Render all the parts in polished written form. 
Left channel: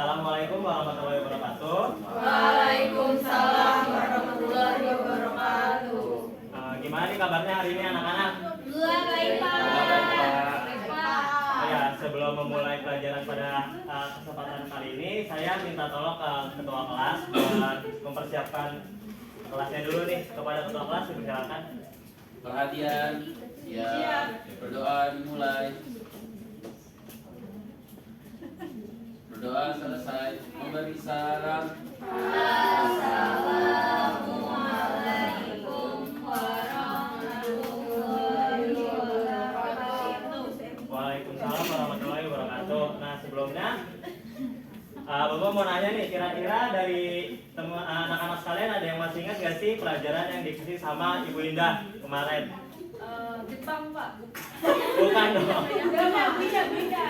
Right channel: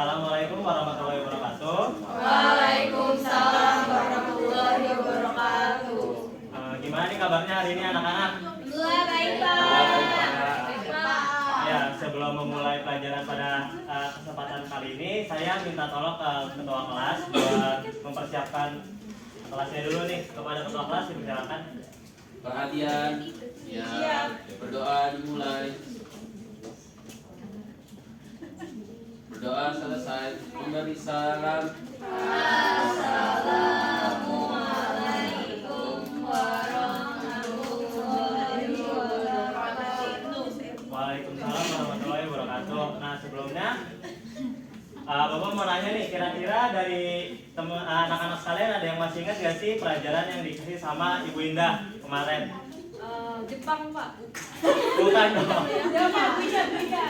Assalamualaikum warahmatullahi wabarakatuh. Waalaikumsalam warahmatullahi wabarakatuh. Gimana nih kabarnya hari ini anak-anak? Baik, Pak. Baik, Pak. Ya, sebelum memulai pelajaran pada kesempatan kali ini, saya minta tolong ke ketua kelas buat mempersiapkan kelasnya dulu nih. Kepada ketua kelas dipersilakan. Perhatian, ya, berdoa dimulai. Berdoa selesai, memberi salam. Assalamualaikum warahmatullahi wabarakatuh. Waalaikumsalam warahmatullahi wabarakatuh. Nah, sebelumnya Bapak mau nanya nih, kira-kira dari anak-anak sekalian ada yang masih ingat gak sih pelajaran yang dikasih sama Ibu Indah kemarin? Jepang, Pak. Bukan dong. Beda.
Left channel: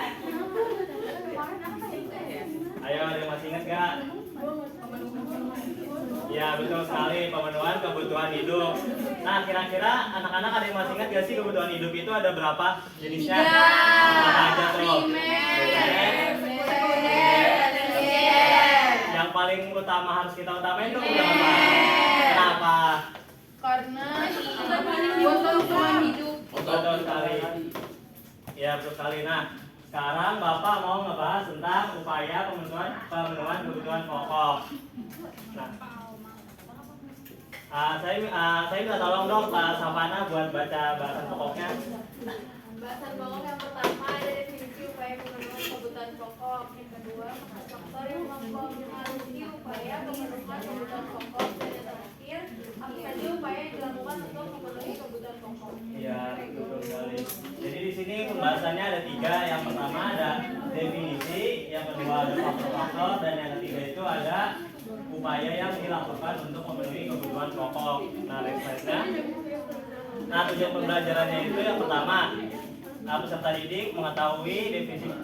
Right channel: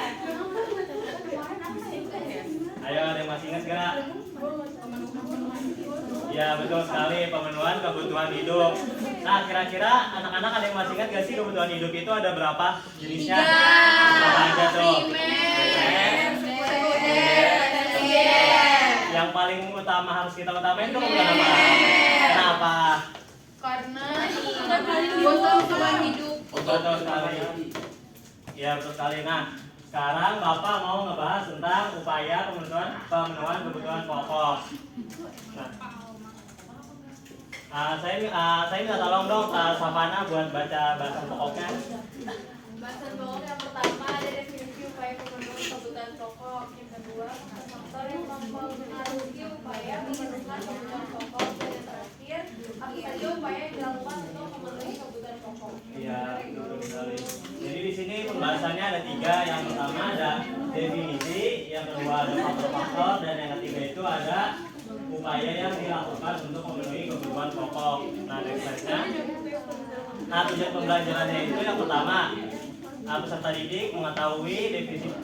Ayo, ada yang masih ingat gak? Ya, betul sekali, pemenuhan kebutuhan hidup. Nah, kira-kira anak-anak ada yang masih ingat gak sih kebutuhan hidup itu ada berapa jenisnya? Apa aja tuh? Yang paling utama harus kita utamain tuh bukan apa? Kenapa? Karena kebutuhan hidup. Betul sekali. Ya, betul sekali. Nah, sekarang Bapak mau ngebahas tentang upaya pemenuhan kebutuhan pokok. Nah, saya minta tolong dong Savana buat baca bahasan pokoknya. Bahasan pokok yang pertama ada definisi upaya pemenuhan kebutuhan pokok. Yang kedua, faktor yang mempengaruhi upaya pemenuhan kebutuhan pokok. Dan yang terakhir, apa saja upaya yang dilakukan untuk memenuhi kebutuhan pokok. Iya, betul sekali. Jadi di sini pembahasannya ada 3. Yang pertama ada definisi, yang kedua ada faktor-faktor, dan yang ketiga itu ada upaya yang dilakukan untuk memenuhi kebutuhan pokok. Nah, next slide-nya. Nah, tujuan pembelajarannya itu yang pertama, peserta didik mengetahui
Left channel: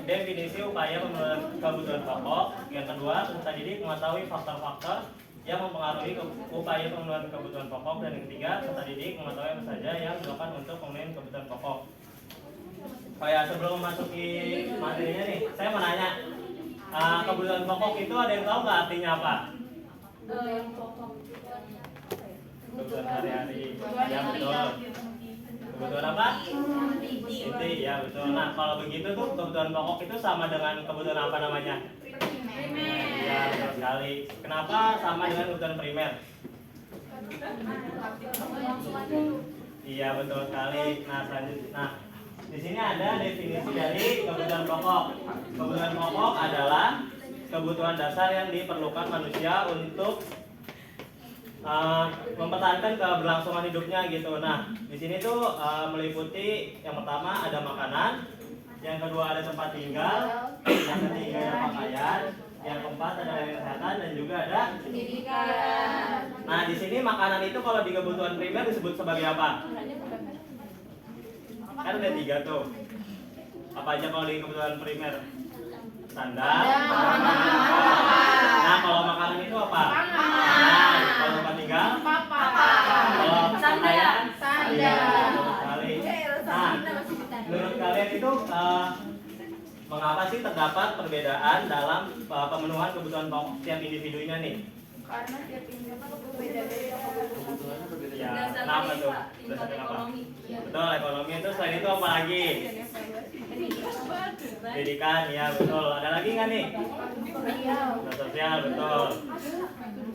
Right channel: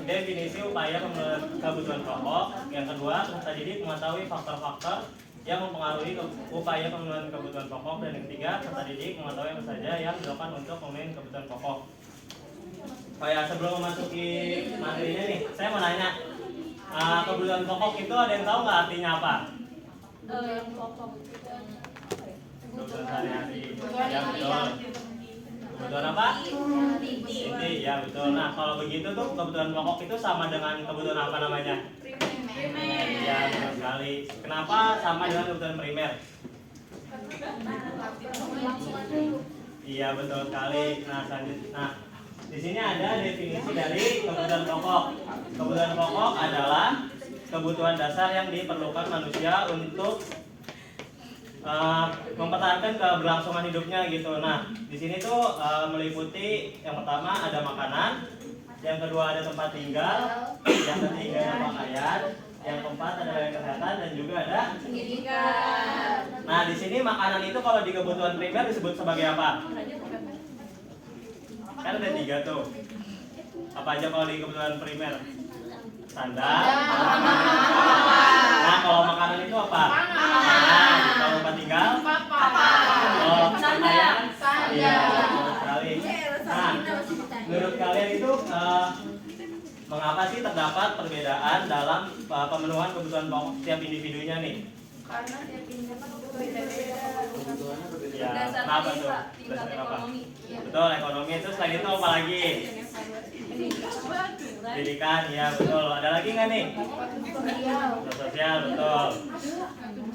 definisi upaya pemenuhan kebutuhan pokok. Yang kedua, peserta didik mengetahui faktor-faktor yang mempengaruhi upaya pemenuhan kebutuhan pokok. Dan yang ketiga, peserta didik mengetahui apa saja yang dilakukan untuk memenuhi kebutuhan pokok. Oh ya, sebelum memasuki materinya nih, saya mau nanya, kebutuhan pokok itu ada yang tahu nggak artinya apa? Yang pokok itu kan Kebutuhan sehari-hari. Ya, betul. Kebutuhan apa? Inti, ya betul. Nah, kalau begitu tuh kebutuhan pokok itu sama dengan kebutuhan apa namanya? primer. Ya, betul sekali. Kenapa sama dengan kebutuhan primer? Iya, betul sekali. Nah, selanjutnya, di sini ada definisi dari kebutuhan pokok. Kebutuhan pokok adalah kebutuhan dasar yang diperlukan manusia untuk mempertahankan keberlangsungan hidupnya gitu. Nah, di sini tuh meliputi yang pertama ada makanan, yang kedua ada tempat tinggal, yang ketiga ada pakaian, yang keempat ada kesehatan, dan juga ada Pendidikan. Nah, di sini makanan itu kalau di kebutuhan primer disebut sebagai apa? Kan ada 3 tuh. Apa aja kalau di kebutuhan primer? Standar. Nah, kalau makanan itu apa? Makanan. Kalau tempat tinggal? Kalau pakaian? Iya, betul sekali. Nah, menurut kalian itu mengapa sih terdapat perbedaan dalam pemenuhan kebutuhan pokok setiap individunya nih? Karena tiap individu berbeda-beda. Kebutuhannya berbeda. Ya, kenapa tuh? Berdasarkan apa? Betul, ekonomi itu selain itu apa lagi? Pendidikan, ya betul. Ada lagi nggak nih? Sosial, betul.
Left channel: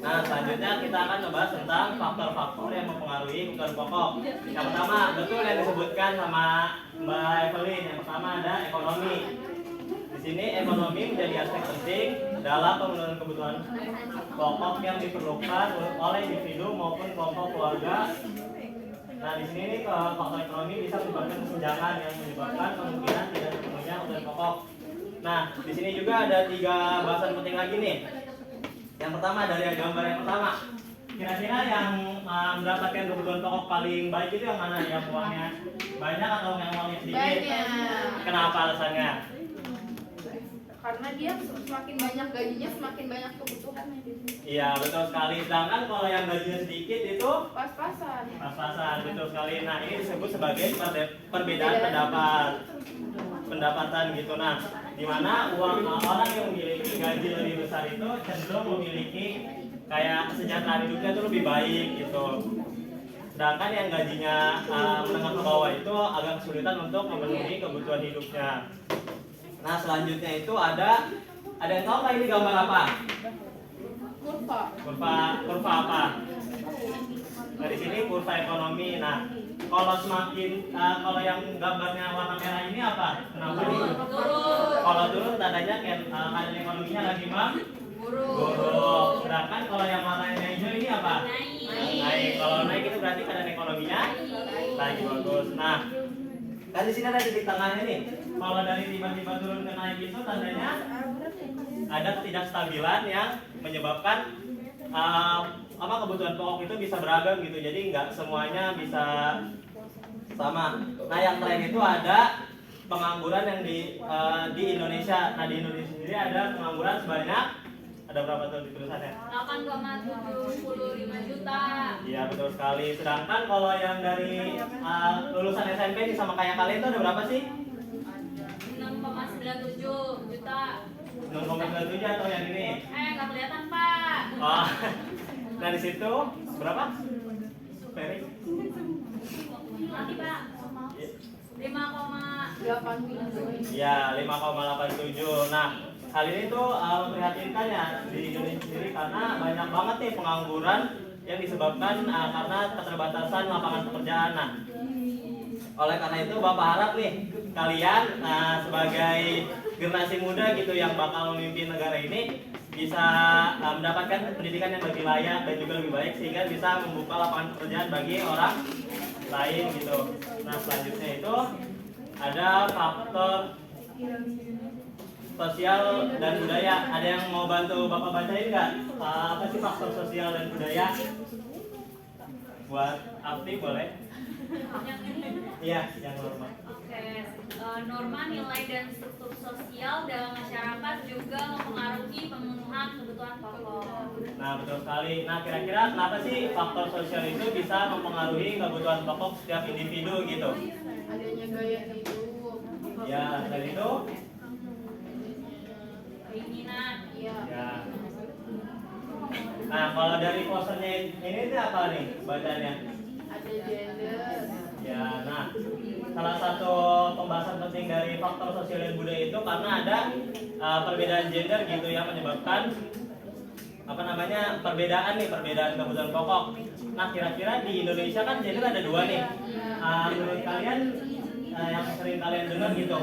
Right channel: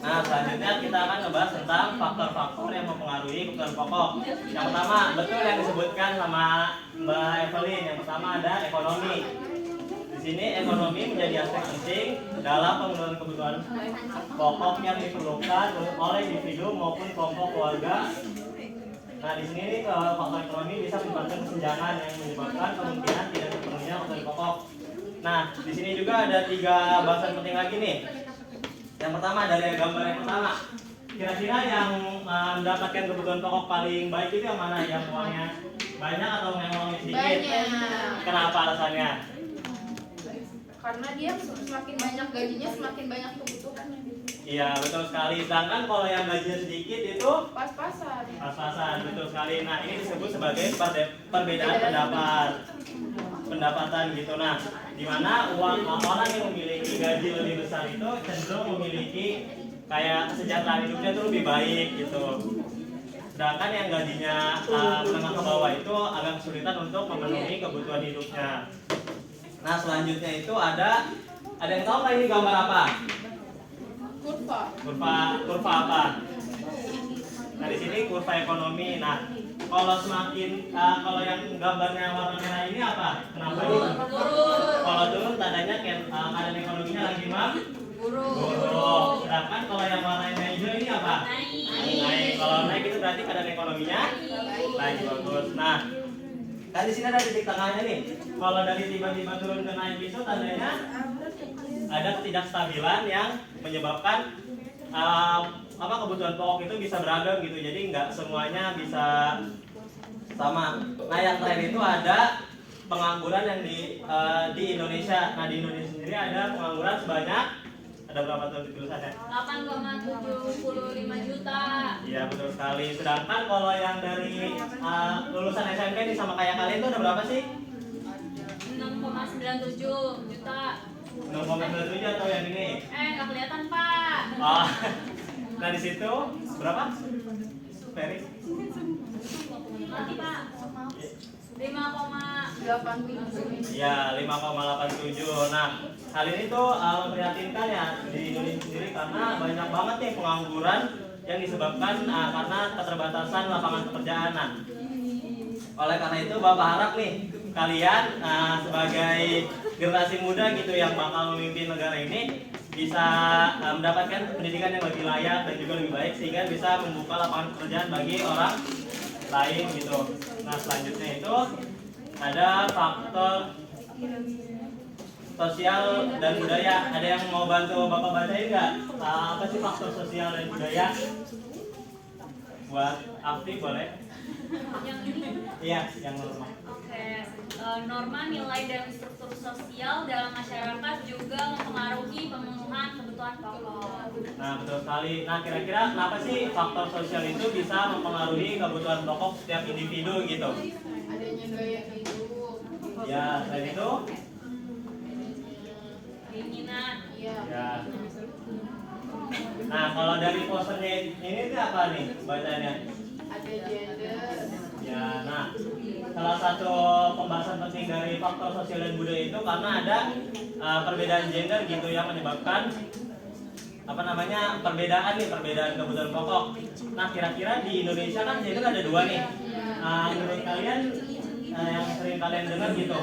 Nah, selanjutnya kita akan membahas tentang faktor-faktor yang mempengaruhi kebutuhan pokok. Yang pertama, betul yang disebutkan sama Mbak Evelyn. Yang pertama ada ekonomi. Di sini ekonomi menjadi aspek penting dalam pemenuhan kebutuhan pokok yang diperlukan oleh individu maupun kelompok keluarga. Nah, di sini kalau faktor ekonomi bisa menyebabkan kesenjangan yang menyebabkan kemungkinan tidak terpenuhnya kebutuhan pokok. Nah, di sini juga ada 3 bahasan penting lagi nih. Yang pertama dari gambar yang pertama. Kira-kira yang mendapatkan kebutuhan pokok paling baik itu yang mana? Yang uangnya banyak atau yang uangnya sedikit? Banyak. Kenapa alasannya? Karena dia semakin banyak gajinya, semakin banyak kebutuhannya. Iya, betul sekali. Sedangkan kalau yang gajinya sedikit itu Pas-pasan. pas-pasan, betul sekali. Nah, ini disebut sebagai perbedaan pendapatan gitu. Nah, di di mana orang yang memiliki gaji lebih besar itu cenderung memiliki kayak kesejahteraan hidupnya itu lebih baik gitu. Sedangkan yang gajinya menengah ke bawah itu agak kesulitan untuk memenuhi kebutuhan hidupnya. Nah selanjutnya itu ada yang tahu nggak ini gambar apa? Kurva apa? Nah di sini kurva ekonomi. Nah kalau kalau yang gambarnya warna merah ini apa? Kenapa ini? Kalau turun tandanya keadaan ekonominya lagi buruk. Sedangkan kalau yang warnanya hijau ini apa? Naik. Kalau naik itu berarti keadaan ekonominya lagi bagus. Nah kan di sini ada titik tengahnya nih. Kalau dari tiba-tiba turun ke naik itu tandanya ada ketidakstabilan yang menyebabkan kebutuhan pokok itu bisa beragam gitu. Jadi nggak semuanya bisa sama. Nah yang tren itu ada pengangguran yang di Indonesia. Nah di Indonesia sendiri ada pengangguran sebanyak ada berapa tuh di tulisannya? 8,75 juta. Iya betul sekali. Sedangkan kalau yang dari lulusan SMP nih sama kayak kalian tuh ada berapa sih? 6,97 juta. 6,97 atau yang ini? Nggak kelihatan Pak. Oh. Nah di situ berapa? Ferry? Nanti Pak. 5,87. Ya 5,87. Nah hal ini tuh memprihatinkan ya di Indonesia sendiri karena banyak banget nih pengangguran yang disebabkan karena keterbatasan lapangan pekerjaan. Nah oleh karena itu Bapak harap nih kalian sebagai generasi muda gitu yang bakal memimpin negara ini bisa mendapatkan pendidikan yang lebih layak dan juga lebih baik sehingga bisa membuka lapangan pekerjaan bagi orang lain gitu. Nah selanjutnya itu ada faktor sosial dan budaya. Ada yang mau bantu Bapak bacain nggak? Apa sih faktor sosial dan budaya? Buat Afti boleh? Yang ini. Iya, yang normal. Oke. Norma, nilai dan struktur sosial dalam masyarakat juga mempengaruhi pemenuhan kebutuhan pokok. Nah betul sekali. Nah kira-kira kenapa sih faktor sosial itu bisa mempengaruhi kebutuhan pokok setiap individu gitu? Adanya gaya hidup. Ya, selain itu? Keinginan. Ya. Nah kalau dari posternya ini tuh apa nih bacanya? Ada gender. Ya, nah salah satu pembahasan penting dari faktor sosial dan budaya itu karena ada perbedaan gender gitu yang menyebabkan perbedaan kebutuhan pokok. Nah kira-kira di Indonesia kan gender ada dua nih. Menurut kalian yang sering kalian dengar gitu?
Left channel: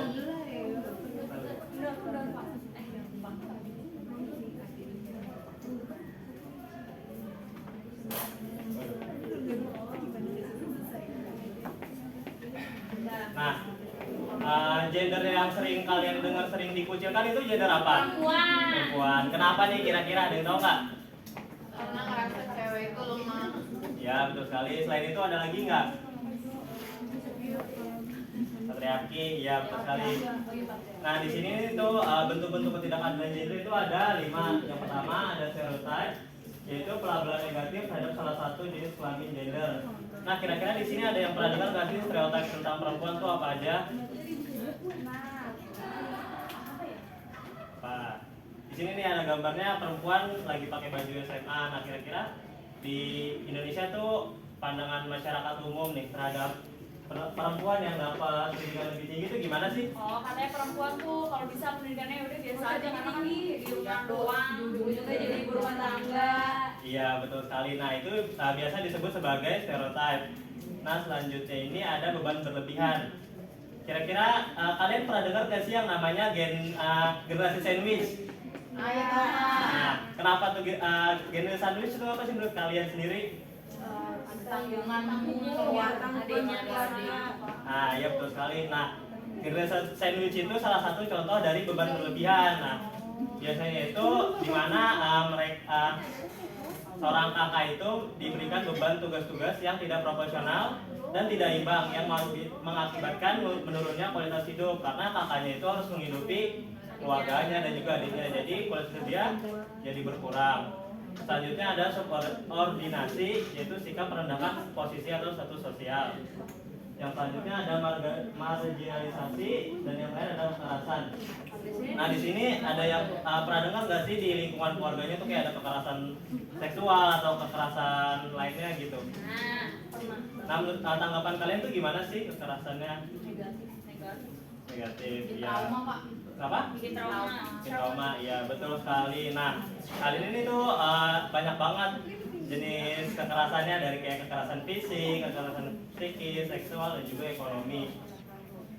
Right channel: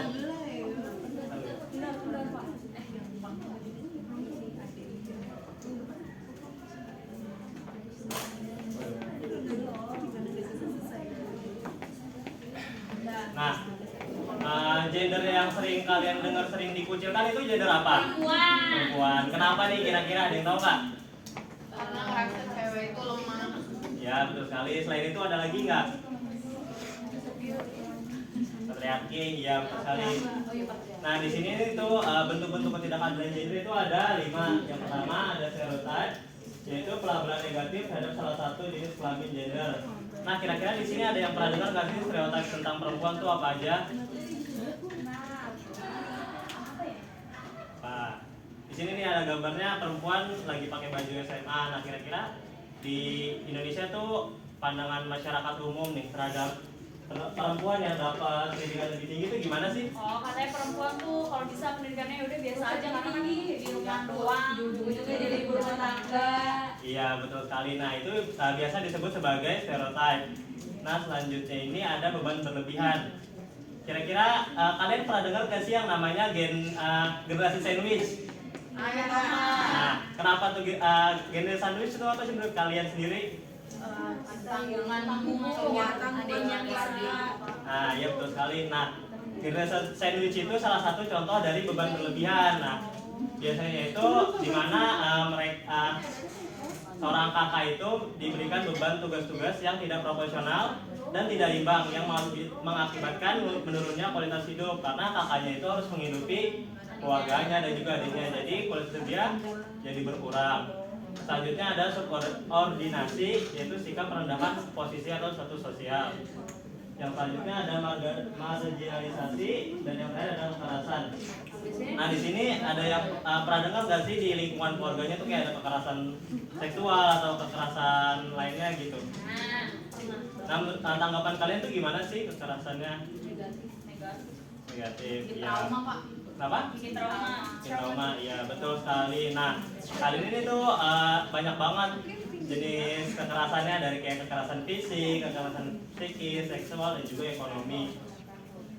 Nah, gender yang sering kalian dengar sering dikucilkan itu gender apa? Perempuan. Kenapa nih kira-kira ada yang tahu nggak? Karena ngerasa cewek itu lemah. Ya betul sekali. Selain itu ada lagi nggak? Patriarki, ya betul sekali. Nah di sini itu bentuk-bentuk ketidakadilan gender itu ada 5. Yang pertama ada stereotype, yaitu pelabelan negatif terhadap salah satu jenis kelamin gender. Nah kira-kira di sini ada yang pernah dengar nggak sih stereotip tentang perempuan itu apa aja? Di sini nih ada gambarnya perempuan lagi pakai baju SMA. Nah kira-kira di Indonesia tuh pandangan masyarakat umum nih terhadap perempuan yang dapat pendidikan lebih tinggi itu gimana sih? Katanya perempuan tuh kalau bisa pendidikannya udah biasa aja karena kan di rumah doang, juga jadi ibu rumah tangga. Iya betul sekali. Nah itu biasa disebut sebagai stereotype. Nah selanjutnya ini ada beban berlebihan. Kira-kira kalian pernah dengar gak sih yang namanya generasi sandwich? Nah kenapa tuh generasi sandwich itu apa sih menurut kalian sendiri? Tanggungan adanya bisa. Nah ya betul sekali. Nah generasi sandwich itu salah satu contoh dari beban berlebihan. Nah biasanya itu dimana mereka seorang kakak itu diberikan beban tugas-tugas yang tidak proporsional dan tidak imbang yang mengakibatkan menurunnya kualitas hidup karena kakaknya itu harus menghidupi keluarganya dan juga adiknya, jadi kualitas hidup dia jadi berkurang. Selanjutnya ada subordinasi, yaitu sikap merendahkan posisi atau status sosial. Yang selanjutnya ada marginalisasi dan yang terakhir adalah kekerasan. Nah di sini ada yang pernah dengar nggak sih di lingkungan keluarganya tuh kayak ada kekerasan seksual atau kekerasan lainnya gitu. Nah menurut tanggapan kalian tuh gimana sih kekerasannya? Negatif, ya. Kenapa? Bikin trauma. Bikin trauma, ya betul sekali. Nah kali ini tuh banyak banget jenis kekerasannya, dari kayak kekerasan fisik, kekerasan psikis, seksual, dan juga ekonomi.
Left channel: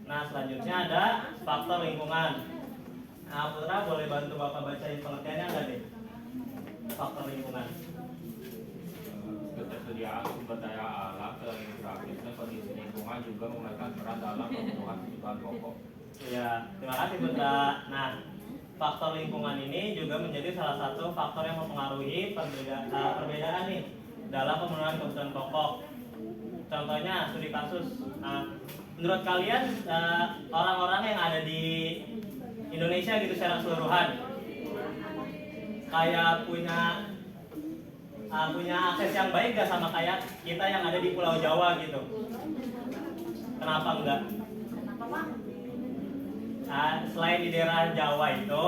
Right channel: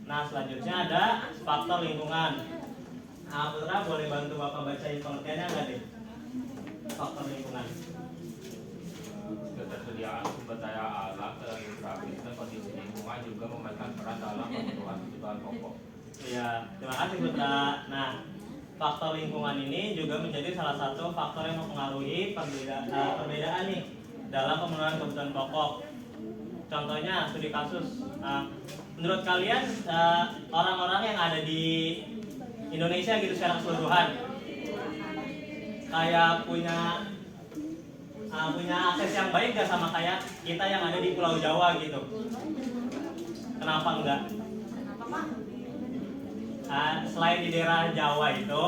Nah selanjutnya ada faktor lingkungan. Nah, Putra boleh bantu Bapak bacain pengertiannya nggak nih? Faktor lingkungan. Ketersediaan sumber daya alam dalam geografis dan kondisi lingkungan juga memainkan peran dalam pemenuhan kebutuhan pokok. Ya, terima kasih Putra. Nah, faktor lingkungan ini juga menjadi salah satu faktor yang mempengaruhi perbedaan nih dalam pemenuhan kebutuhan pokok. Contohnya studi kasus. Nah, menurut kalian orang-orang yang ada di Indonesia gitu secara keseluruhan kayak punya akses yang baik gak sama kayak kita yang ada di Pulau Jawa gitu? Kenapa enggak? Selain di daerah Jawa itu,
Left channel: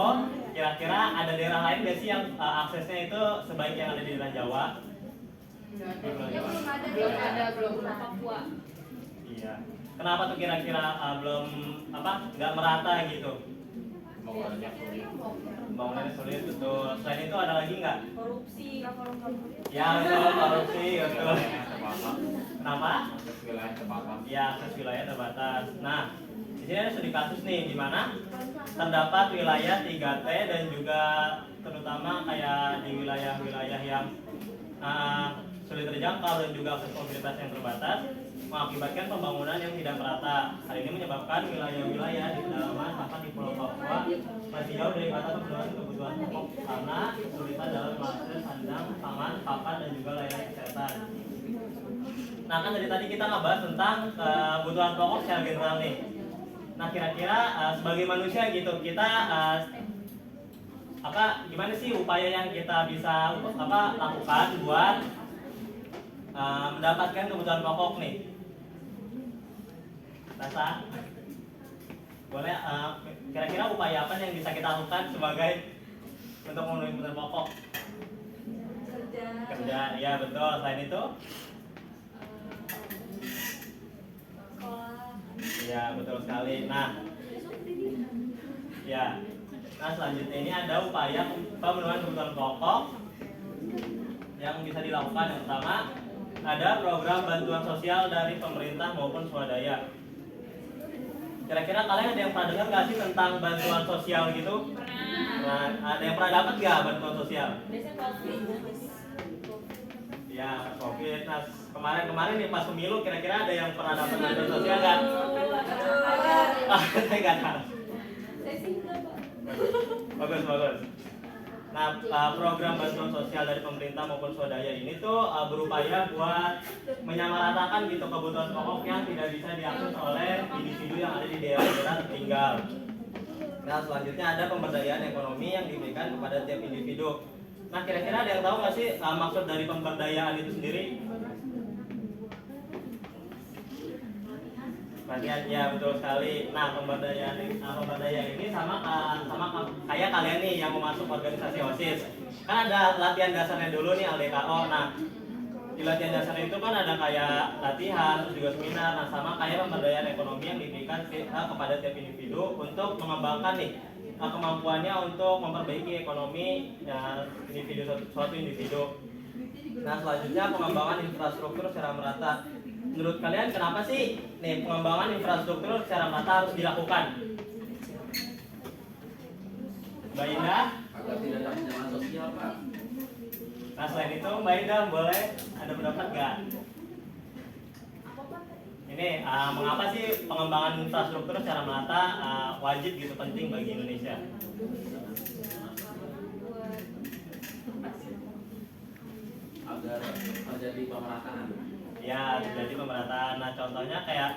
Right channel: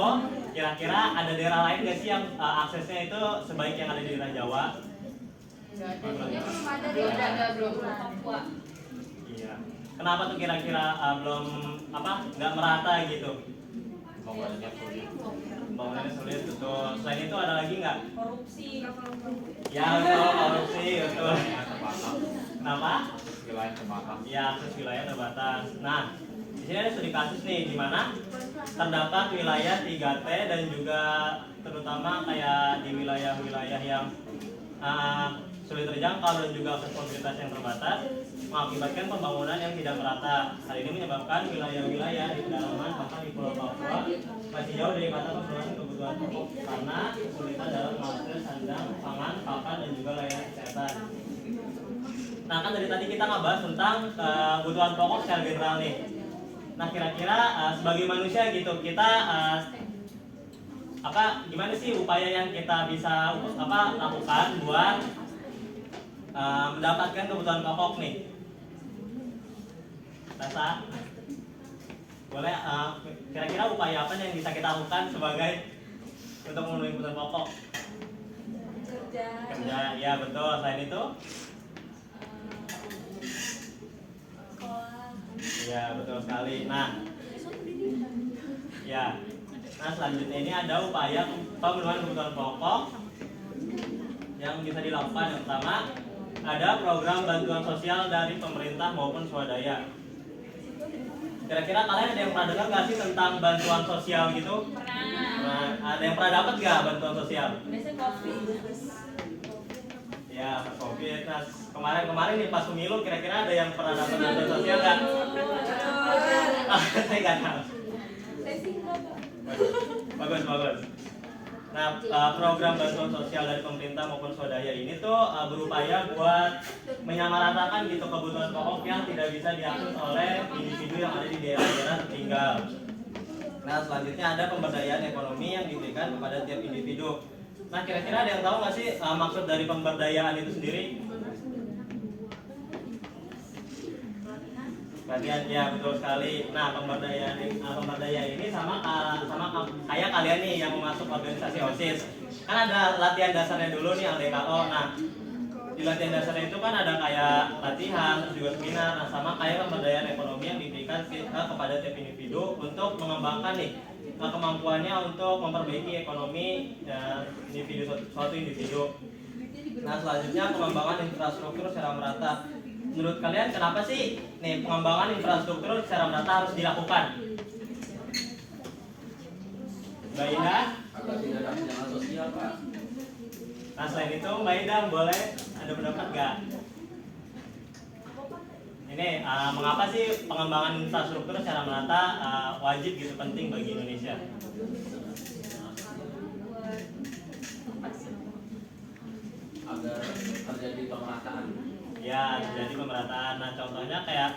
kira-kira ada daerah lain gak sih yang aksesnya itu sebaik yang ada di daerah Jawa? Papua. Iya. Kenapa tuh kira-kira belum nggak merata gitu? Pembangunannya sulit. Pembangunannya sulit, betul. Selain itu ada lagi nggak? Korupsi. Ya betul, korupsi, betul. Wilayah terbatas. Kenapa? Akses wilayah terbatas. Ya, akses wilayah terbatas. Nah, di sini ada studi kasus nih, di mana terdapat wilayah 3T dan juga terutama kayak di wilayah-wilayah yang sulit terjangkau dan juga akses mobilitas yang terbatas mengakibatkan pembangunan yang tidak merata. Hal ini menyebabkan wilayah-wilayah di pedalaman bahkan di Pulau Papua masih jauh dari kata pemenuhan kebutuhan pokok karena kesulitan dalam mengakses sandang, pangan, pakan, dan juga layanan kesehatan. Nah kan dari tadi kita ngebahas tentang kebutuhan pokok secara general nih. Nah kira-kira sebagai manusia gitu kita gimana sih upaya yang kita bisa lakukan buat mendapatkan kebutuhan pokok nih? Rasa boleh kira-kira upaya apa yang bisa kita lakukan sebagai untuk memenuhi kebutuhan pokok? Kerja, ya betul. Selain itu? Ya betul sekali. Nah, ya. Nah selanjutnya ini ada upaya pemenuhan kebutuhan pokok yang bisa dilakukan. Yang pertama ada program bantuan sosial dari pemerintah maupun swadaya. Kira-kira kalian ada yang pernah dengar nggak sih tentang bantuan sosial gitu? Nah, ada yang pernah dapat nggak bantuan sosial? Biasanya COVID. Ya, COVID. Nah, kemarin nih pas pemilu kira-kira ada yang pernah dapat bantuan sosial nggak? Saya nggak tahu. Bagus. Nah, program bantuan sosial dari pemerintah maupun swadaya ini tuh berupaya buat menyamaratakan gitu kebutuhan pokok yang tidak bisa diakses oleh individu yang ada di daerah-daerah tertinggal. Nah, selanjutnya ada pemberdayaan ekonomi yang diberikan kepada tiap individu. Nah, kira-kira ada yang tahu nggak sih maksud dari pemberdayaan itu sendiri? Perhatian, ya betul sekali. Nah, pemberdayaan ini sama kayak kalian nih yang mau masuk organisasi OSIS. Kan ada latihan dasarnya dulu nih LDKO. Nah, di latihan dasarnya itu kan ada kayak latihan, terus juga seminar. Nah, sama kayak pemberdayaan ekonomi yang diberikan kepada tiap individu untuk mengembangkan nih kemampuannya untuk memperbaiki ekonomi suatu individu. Nah, selanjutnya pengembangan infrastruktur secara merata. Menurut kalian kenapa sih nih pengembangan infrastruktur secara merata harus dilakukan? Mbak Indah? Agar tidak ada kesenjangan sosial, Pak. Nah selain itu Mbak Indah boleh ada pendapat nggak? Ini mengapa sih pengembangan infrastruktur secara merata wajib gitu, penting bagi Indonesia? Agar terjadi pemerataan. Ya terjadi pemerataan. Nah contohnya kayak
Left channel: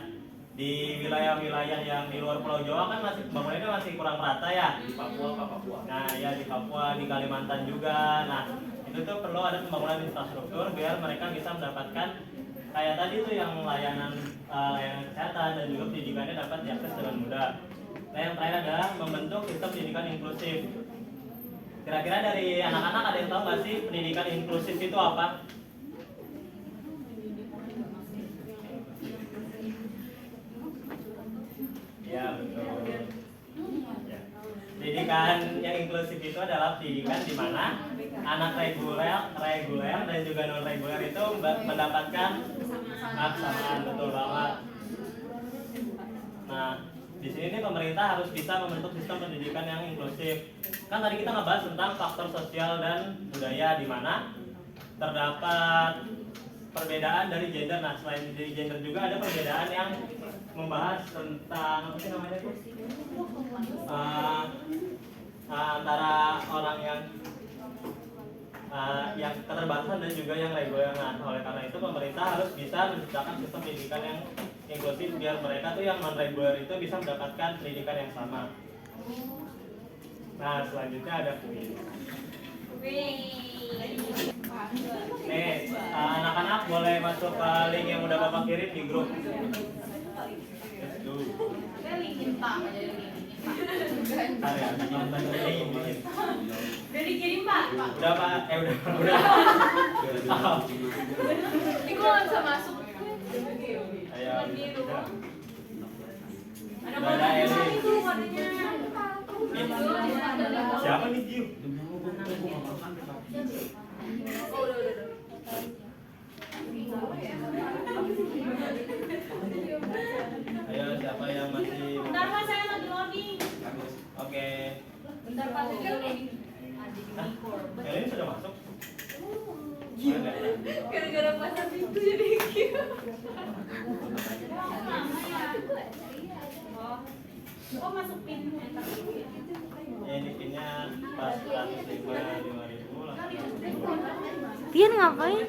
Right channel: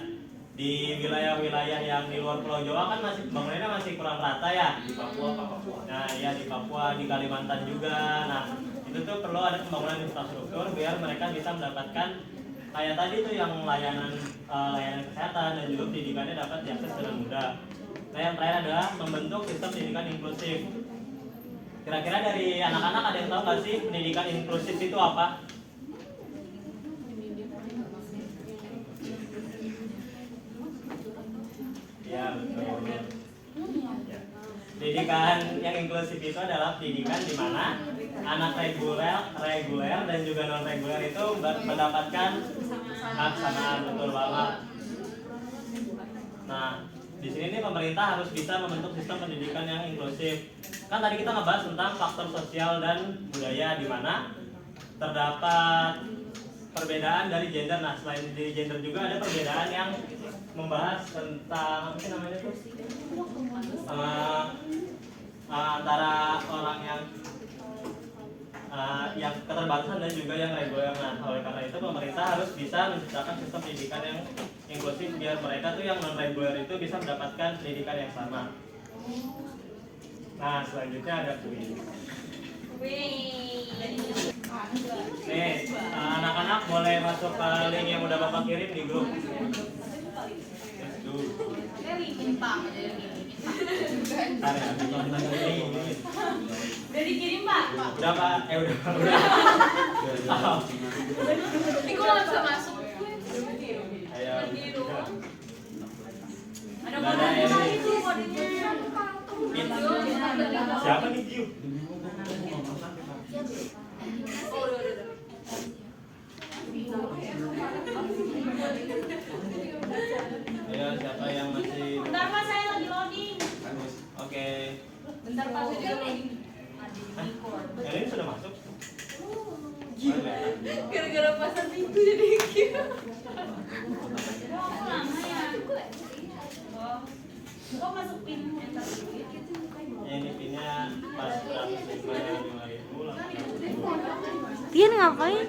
di wilayah-wilayah yang di luar Pulau Jawa kan masih pembangunannya masih kurang merata ya. Di Papua, Pak, Papua. Nah ya di Papua, di Kalimantan juga. Nah itu tuh perlu ada pembangunan infrastruktur biar mereka bisa mendapatkan kayak tadi tuh yang layanan kesehatan dan juga pendidikannya dapat diakses dengan mudah. Nah, yang terakhir adalah membentuk sistem pendidikan inklusif. Kira-kira dari anak-anak ada yang tahu nggak sih pendidikan inklusif itu apa? Ya, betul. Ya. Pendidikan yang inklusif itu adalah pendidikan di mana anak reguler dan juga non reguler itu mendapatkan hak kesamaan, betul banget. Nah, di sini nih pemerintah harus bisa membentuk sistem pendidikan yang inklusif. Kan tadi kita ngebahas tentang faktor sosial dan budaya di mana terdapat perbedaan dari gender. Nah, selain dari gender juga ada perbedaan yang membahas tentang apa sih namanya itu? Antara orang yang keterbatasan dan juga yang reguler. Nah, oleh karena itu pemerintah harus bisa menciptakan sistem pendidikan yang inklusif biar mereka tuh yang non reguler itu bisa mendapatkan pendidikan yang sama. Nah, selanjutnya ada kuis. Nih, anak-anak boleh masuk ke link yang udah Bapak kirim di grup. Ntar ya, nonton ini. Udah dikirim Pak? Udah Pak, udah. Oh. Ini kok nggak bisa masuk? Ayo. Ada Ada mana ini. itu kodenya? Siapa nih Jiu? Ayo, siapa yang masih? Bentar Pak, saya lagi loading. Oke. Bentar Pak, saya lagi loading. Hah? Yang ini sudah masuk? Mana? Gara-gara pasang itu jadi gitu. Kok masuk pin? Ya, ini pinnya 405.000 langsung. Tian ngapain?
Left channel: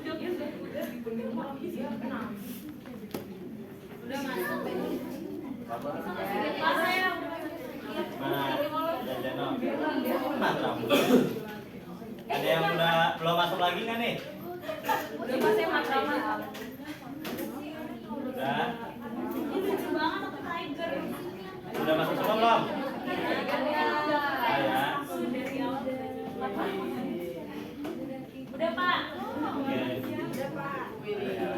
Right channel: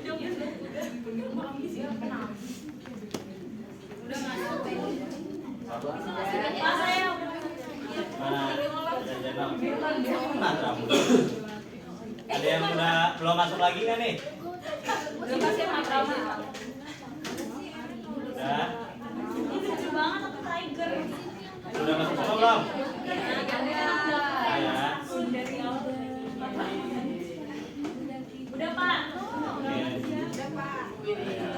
Udah masuk. Pas saya udah Mana? Jajan. Mana? Ada yang udah belum masuk lagi nggak nih? udah pas saya makan. Udah. Ini lucu banget aku tiger. Udah masuk semua belum? Ya. Udah Pak. Oke. Ya.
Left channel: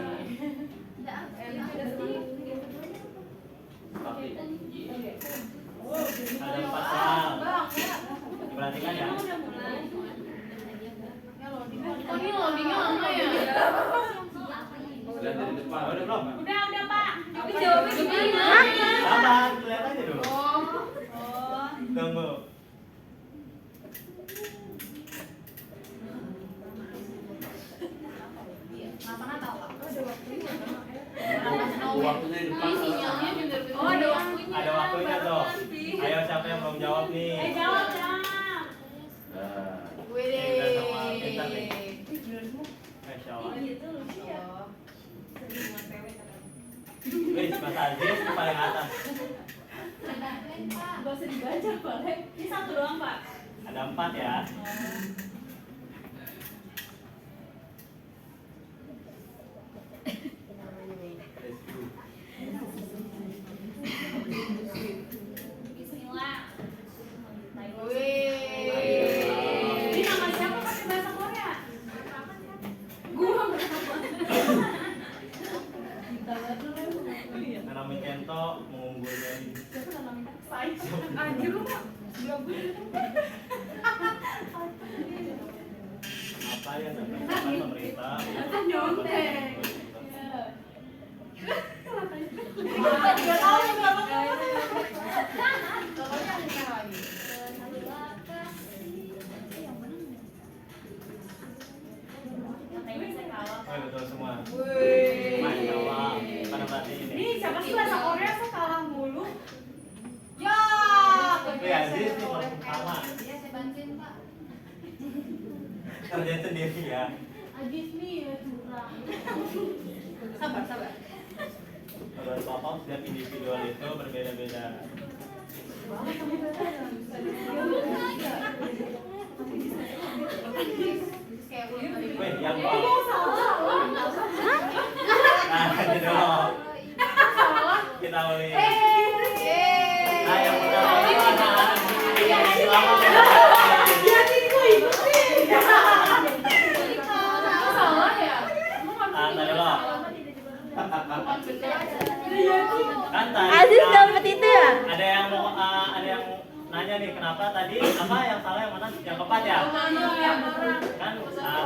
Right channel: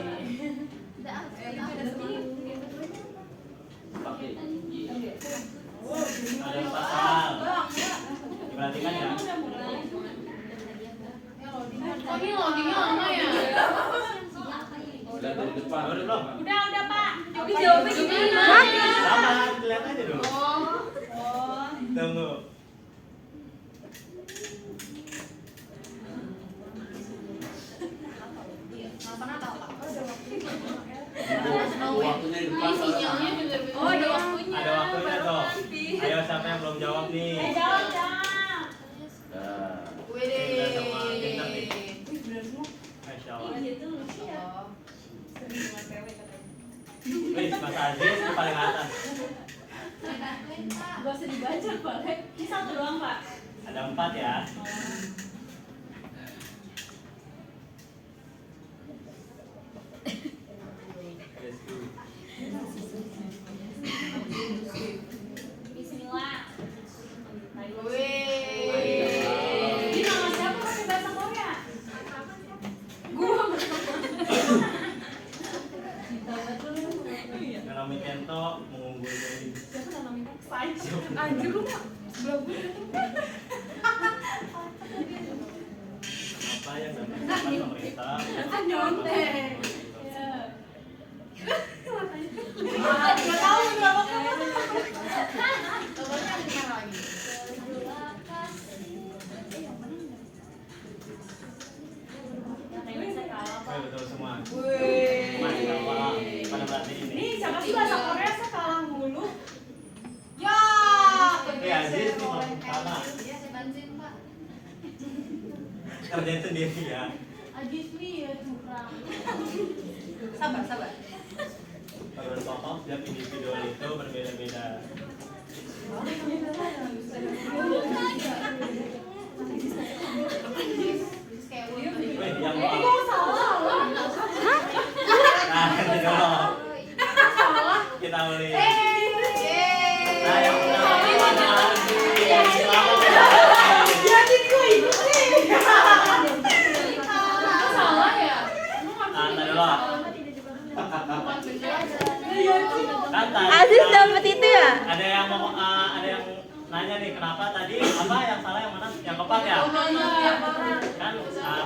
Ada 4 soal. Perhatikan ya. Ini loadingnya lama ya? Lihat dari depan. Udah belum? Udah Pak. Tapi jawabnya gimana? Sabar, lihat aja dulu. Oh. Tunggu. Waktunya di depan. Sinyalnya juga beda. Oh, ada waktunya. Ada waktunya tuh. Ayo, siapa yang belum jawab nih? Jawab. Nah, Ini udah sama pintar nih. Masya Allah. Wih, Mas Aziz di paling atas. Gak usah dibaca, Pak. Ini satu doang Pak. Ada 4 ya. Bismillah. Wih. Ini nama siapa pakai bahasa Korea? Nanami Kento mengunggulnya ini. Anjir lu Pak. Apa yang dapat pemerintah? Kan nyontek. Oh, betul semua. Wih. Masya Allah. Pada berarti ini. Ini siapa sih bahasa Korea saya kalah mulu. Ya. Oke, Aziz nih belum sama. Iya, saya bantuin, Pak. Kerjain sendiri ya. Agis nih ya curang. Sabar. Peran pokok setiap individual itu berbeda-beda. Wih, yang nah, nanti dulu. Kita mulai. Nah, yang pertama sepakat ya? Tiap orang. Kan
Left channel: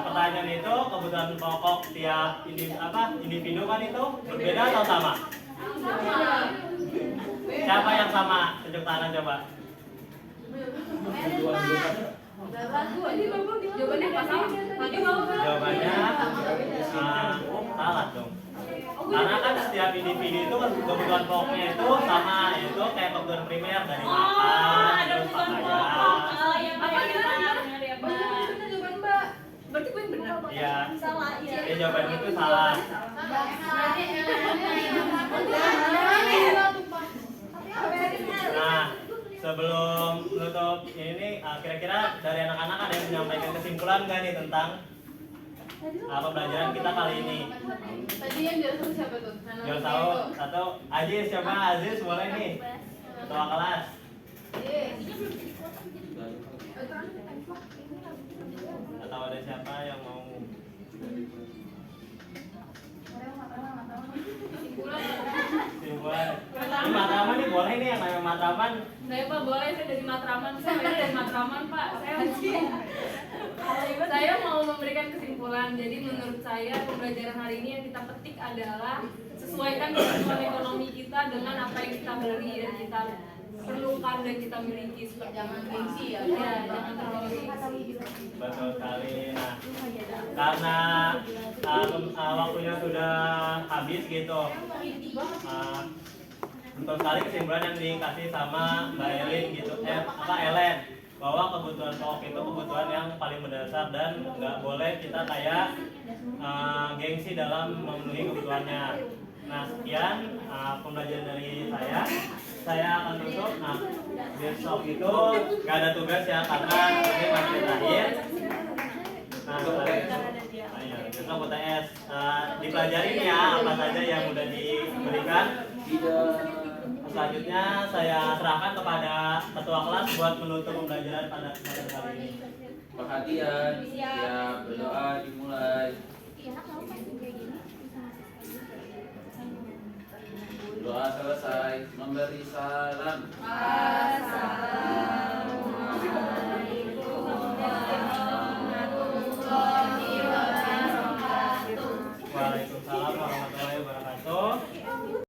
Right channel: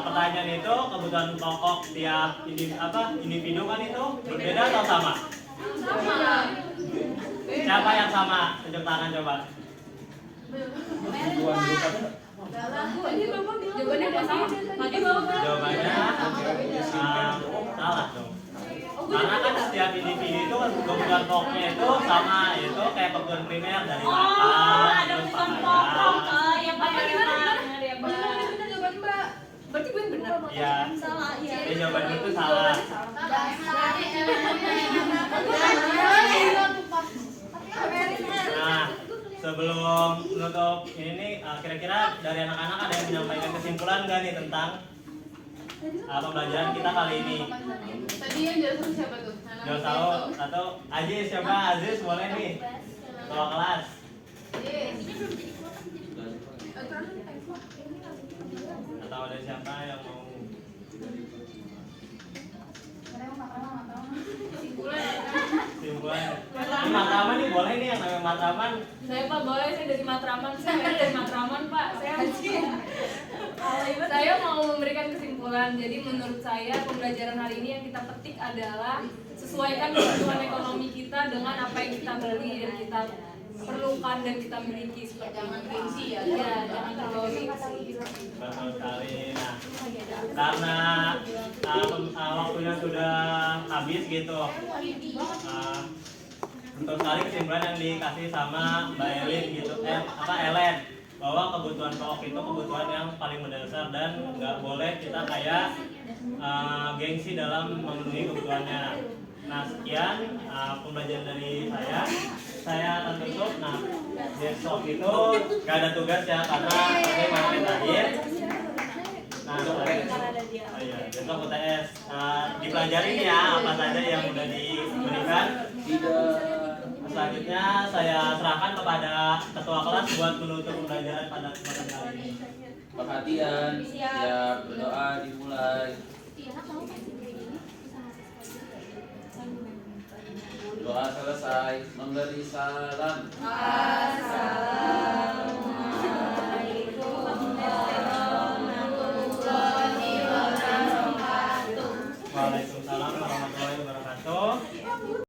pertanyaan itu kebutuhan pokok tiap individu kan itu berbeda atau sama? Sama. Siapa yang sama? Tunjuk tangan coba. Jawabannya apa sih? Tadi mau Jawabannya salah dong. Karena kan setiap individu itu kebutuhan pokoknya itu sama, itu kayak kebutuhan primer dari makan, terus pakaian. yang pakai Jawaban Mbak. Berarti gue yang benar. Iya. Salah, iya. Jawaban itu salah. Nah, sebelum menutup ini, kira-kira dari anak-anak ada yang menyampaikan kesimpulan nggak nih tentang pembelajaran kita kali ini? Tadi yang jelasin siapa tuh? Jangan tahu atau Aziz, siapa Aziz boleh nih ketua kelas. Atau ada siapa yang mau? Simpulan. Ini Matraman nih boleh nih yang namanya Matraman. Saya Pak boleh saya dari Matraman, saya dari Matraman Pak. Saya mau memberikan kesimpulan. Jadi menurut saya pembelajaran hari ini yang kita petik adalah sesuaikan kebutuhan ekonomi kita dengan apa yang kita beli dan kita perlukan dan kita miliki. Jangan gengsi ya. Ya, jangan terlalu gengsi. Betul sekali. Nah, karena waktunya sudah habis gitu. Betul sekali kesimpulan yang dikasih sama Mbak Elin gitu, Ellen, bahwa kebutuhan pokok itu kebutuhan yang paling mendasar dan nggak boleh kita kayak gengsi dalam memenuhi kebutuhannya. Nah, sekian pembelajaran dari saya akan tutup. Nah, besok itu nggak ada tugas ya karena ini materi terakhir. Nah, ayo besok UTS dipelajari nih ya apa saja yang udah diberikan. Selanjutnya saya serahkan kepada ketua kelas buat menutup pembelajaran pada kesempatan kali ini. Perhatian, siap, berdoa dimulai. Doa selesai, memberi salam.